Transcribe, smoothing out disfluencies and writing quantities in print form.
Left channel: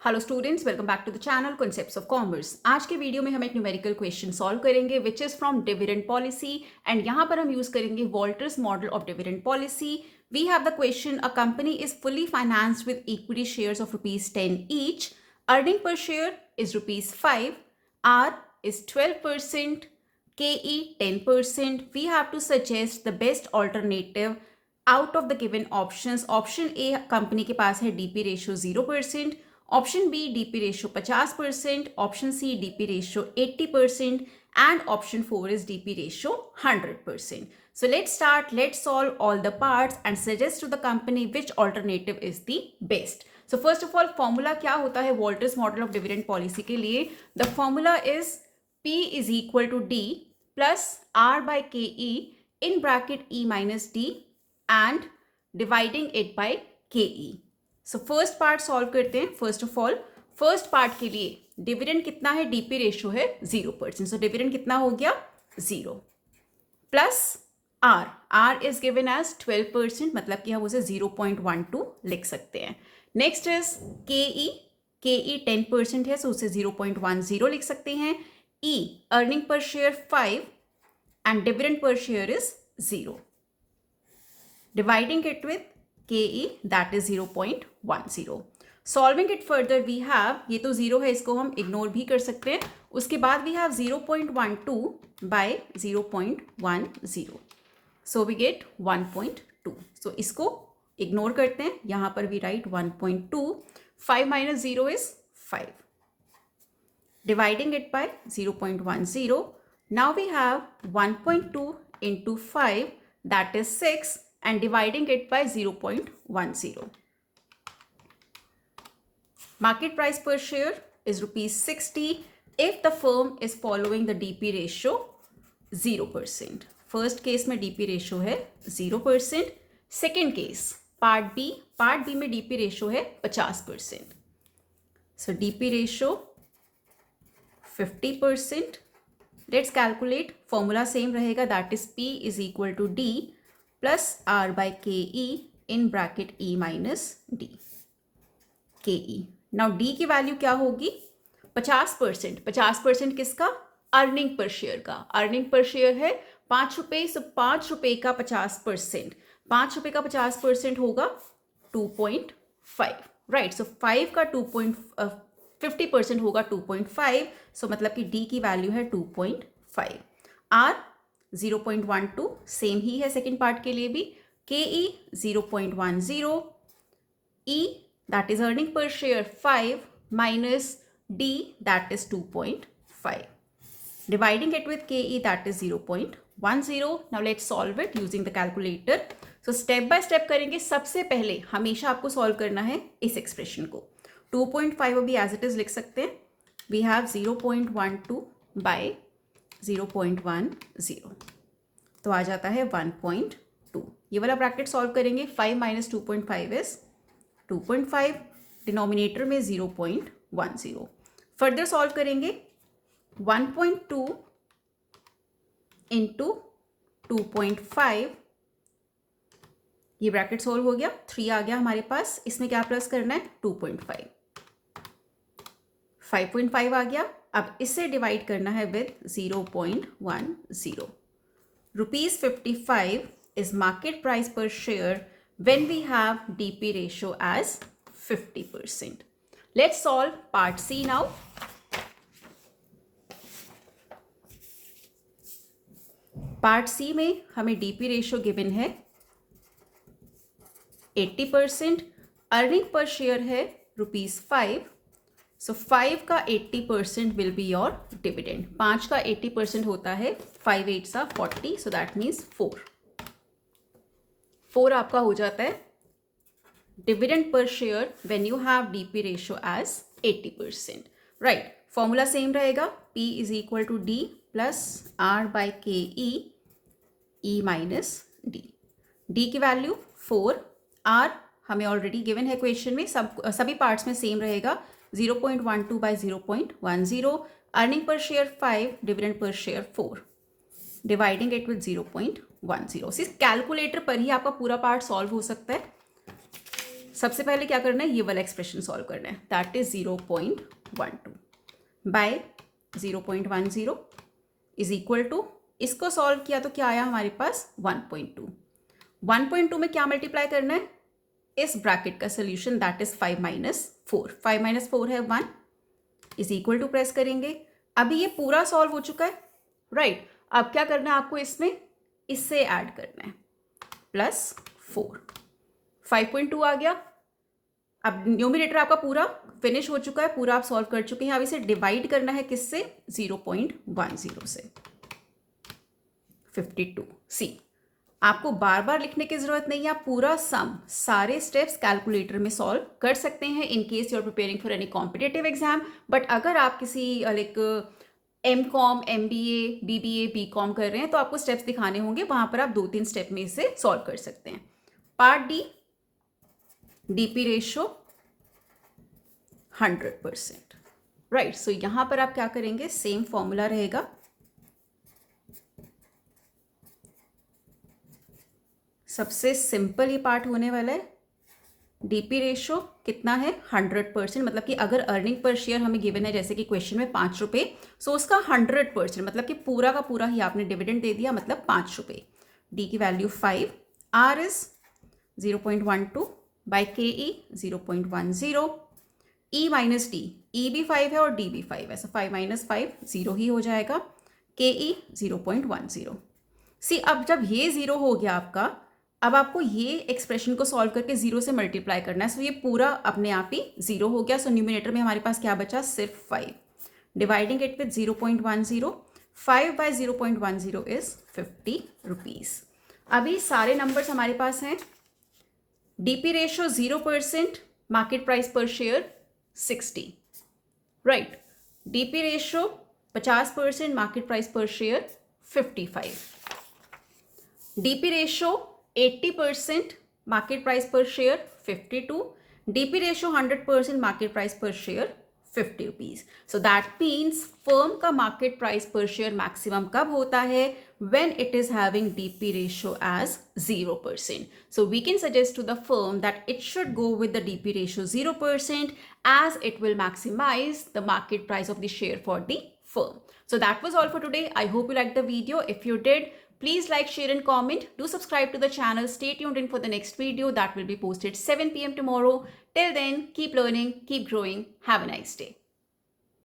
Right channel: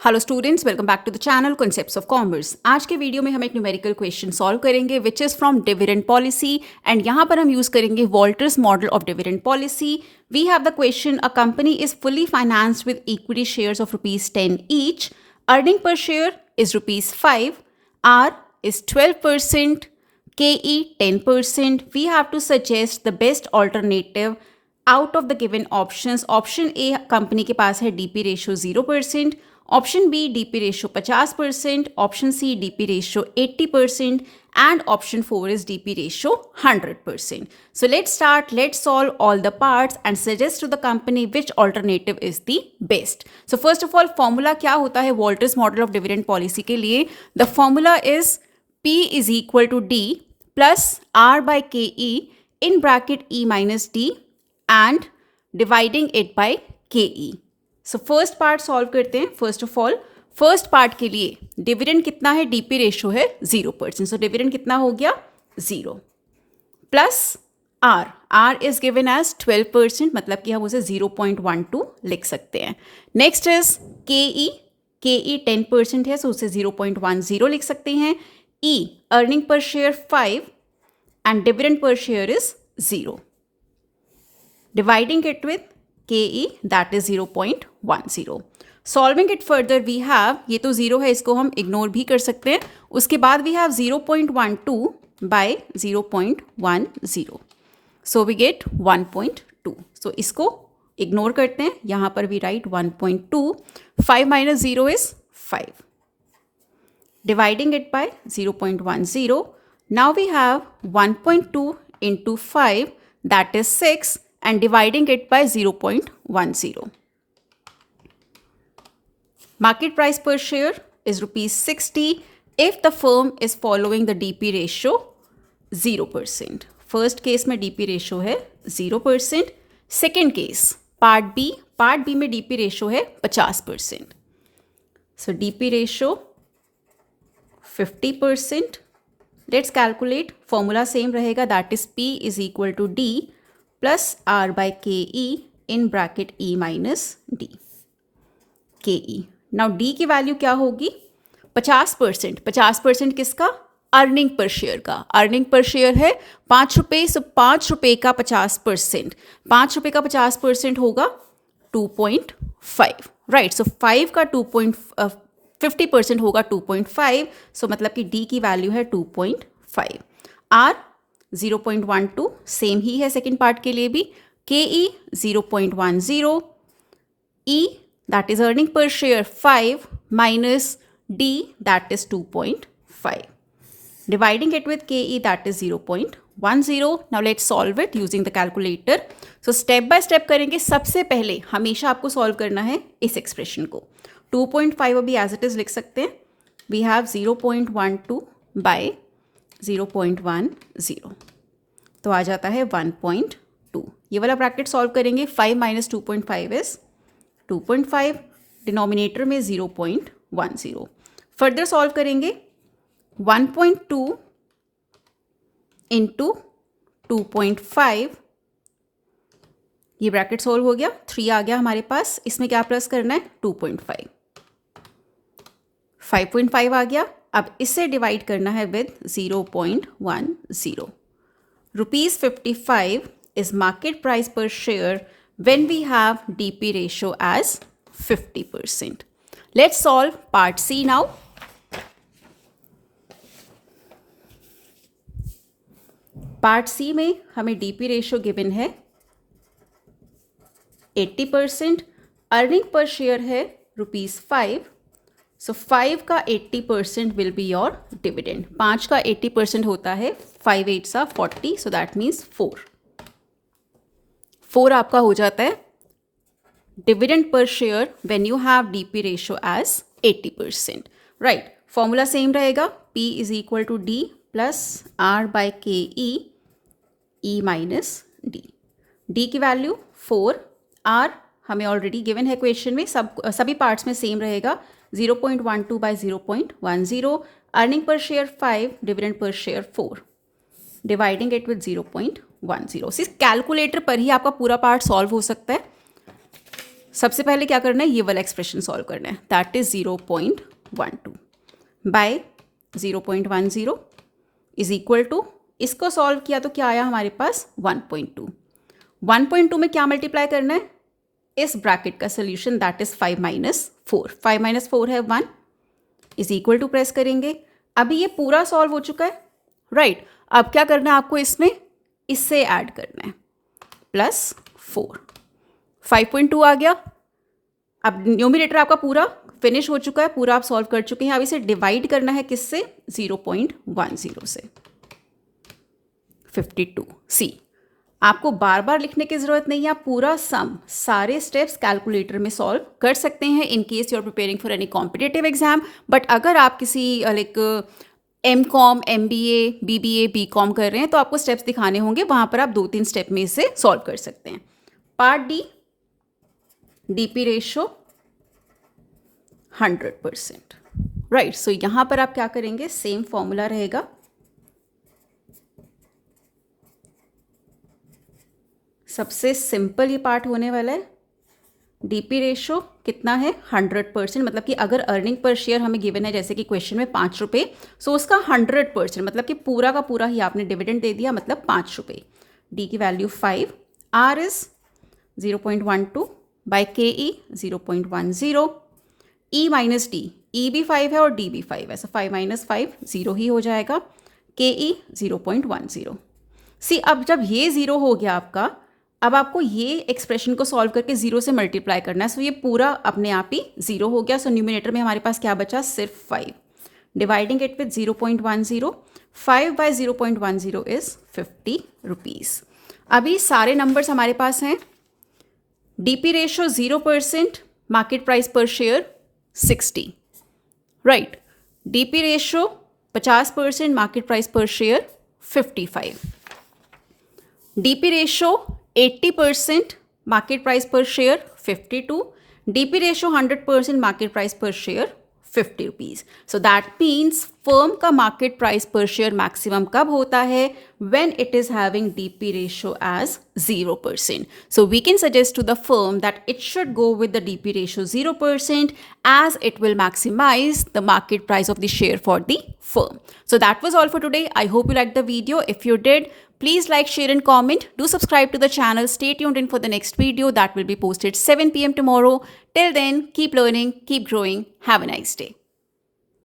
Hello students, welcome back to the channel concepts of commerce. आज के video में हम एक न्यूमेरिकल क्वेश्चन सॉल्व करेंगे which is from dividend policy and यहाँ पर हम यूज़ करेंगे Walter's model of dividend policy. We have the question, a company is fully financed with equity shares of ₹10 each, earning per share is ₹5, R is 12%, KE 10%. We have to suggest the best alternative out of the given options. Option A company के पास है DP ratio 0%, option B DP ratio 50%, option C DP ratio 80% and option 4 is DP ratio 100%. So let's start, let's solve all the parts and suggest to the company which alternative is the best. So first of all, formula क्या होता है Walters model of dividend policy के लिए? The formula is P is equal to D plus R by KE in bracket E minus D and dividing it by KE. So first part solve करते हैं। First of all, first part के लिए dividend कितना है? DP ratio है 0%, so dividend कितना हो गया? 0 plus R is given as 12%, मतलब कि हम उसे 0.12 लिख सकते हैं। नेक्स्ट इज KE 10% है, सो उसे 0.10 लिख सकते हैं। E earning per share 5 and dividend per share is 0, dividing it with KE that is 0.10. Solving it further we have, ये तो 0 है, इसको हम इग्नोर भी कर सकते हैं। उसके बाद we have 0.12 by 0.10, so we get 1.2. so इसको इग्नोर करते हैं, यहाँ पर we write 1.2, 5 minus 0 is 5, dividing it by 0.10. now we have 1.2 into 5, that is 6, and dividing it by 0.10. Market price per share is ₹60 if the firm is following the DP ratio 0%. First case में DP ratio है 0%. Second case, part B में DP ratio है 50%. So DP ratio 50%. Let's calculate. Formula same रहेगा, that is P is equal to D plus R by KE in bracket E minus D. KE. Now D की value क्या होगी? 50%. 50% किसका? Earning per share का। Earning per share है ₹5, सो ₹5 का 50%, ₹5 का 50% होगा 2.5, राइट। सो 5 का 50% होगा 2.5, सो मतलब कि D की वैल्यू है 2.5। R 0.12 सेम ही है सेकेंड पार्ट के लिए भी। KE 0.10, E that is earning per share 5 minus D that is 2.5, dividing it with KE that is 0.10. Now let's solve it using the calculator. So step by step करेंगे। सबसे पहले हमेशा आपको solve करना है इस एक्सप्रेशन को। 2.5 अभी एज इट इज लिख सकते हैं। वी हैव 0.12 बाय 0.10, तो आ जाता है 1.2। ये वाला ब्रैकेट सॉल्व करेंगे। 5 माइनस 2.5 इज 2.5, डिनोमिनेटर में 0.10। फर्दर सॉल्व करेंगे। 1.2 इंटू 2.5, ये ब्रैकेट सॉल्व हो गया। 3 आ गया हमारे पास। इसमें क्या प्लस करना है? 2.5, 5.5 आ गया। अब इससे डिवाइड करना है with 0.10। ₹55 is market price per share when we have DP ratio as 50%. Let's solve part C now. Part C में हमें DP ratio given है 80%, अर्निंग पर शेयर है ₹5, सो 5 का 80% विल बी योर डिविडेंड। 5 का 80% होता है 5 8 40, सो दैट मीन्स 4 आपका हो जाता है dividend per share when you have DP ratio as 80%, right. Formula same रहेगा। P is equal to D plus R by KE E minus D। D की value 4, R हमें ऑलरेडी गिवन है question में, सभी पार्ट्स में same रहेगा। 0.12 by 0.10, earning per share 5, dividend per share 4, डिवाइडिंग with विद 0.10। सिर्फ कैलकुलेटर पर ही आपका पूरा पार्ट सॉल्व हो सकता है। सबसे पहले क्या करना है, ये वाला एक्सप्रेशन सॉल्व करना है, that is 0.12 by 0.10 is equal to, इसको सॉल्व किया तो क्या आया हमारे पास 1.2। 1.2 में क्या मल्टीप्लाई करना है, इस ब्रैकेट का solution that is 5 minus 4, 5 minus 4 है 1 इज इक्वल टू, प्रेस करेंगे। अभी ये पूरा सॉल्व हो चुका है, राइट। अब क्या करना है आपको, इसमें इससे ऐड करना है प्लस 4, 5.2 आ गया। अब न्यूमरेटर आपका पूरा फिनिश हो चुका है, पूरा आप सॉल्व कर चुके हैं। अब इसे डिवाइड करना है किससे, 0.10 से, 52। सी, आपको बार बार लिखने की जरूरत नहीं है, आप पूरा सम सारे स्टेप्स कैलकुलेटर में सॉल्व कर सकते हैं in case you are preparing for any competitive exam. But अगर आप किसी like MCOM, MBA, BBA, BCOM कर रहे हैं तो आपको स्टेप्स दिखाने होंगे, वहां पर आप 2-3 स्टेप में इसे सॉल्व कर सकते हैं। Part D, DP ratio 100%, right. So यहां पर आप क्या करेंगे, सेम फॉर्मूला रहेगा, सबसे सिंपल ये पार्ट होने वाला है। DP रेशो कितना है, 100%, मतलब कि अगर अर्निंग पर शेयर हमें गिवन है जैसे कि क्वेश्चन में 5 रुपये, सो उसका 100% मतलब कि पूरा का पूरा ही आपने डिविडेंड दे दिया, मतलब 5 रुपये। डी की value 5, R is 0.12 by KE 0.10, E minus D, E भी 5 है और D भी 5 है, सो 5 माइनस 5 0 ही हो जाएगा, KE 0.10। सी, अब जब ये 0 हो गया आपका, अब आपको ये एक्सप्रेशन को सॉल्व करके 0 से मल्टीप्लाई करना है, सो ये पूरा अपने आप ही 0 हो गया। सो न्यूमिनेटर में हमारे पास क्या बचा, सिर्फ 5, dividing it with 0.10, 5 by 0.10 is 50 rupees. अभी सारे नंबर्स हमारे पास हैं। DP रेशो 0%, मार्केट प्राइस पर share 60, right. DP ratio 50%, market price पर share 55। DP ratio 80%, market price पर share 52, DP ratio 100%, market price पर share 50 rupees. So that means firm का मार्केट प्राइस पर शेयर मैक्सिमम कब होता है, when it is having DP ratio as 0%. So we can suggest to the firm that it should go with the DP ratio 0% as it will maximize the market price of the share for the firm. So that was all for today. I hope you liked the video. If you did, please like, share and comment. Do subscribe to the channel. Stay tuned in for the next video that will be posted 7 p.m. tomorrow. Till then, keep learning, keep growing. Have a nice day.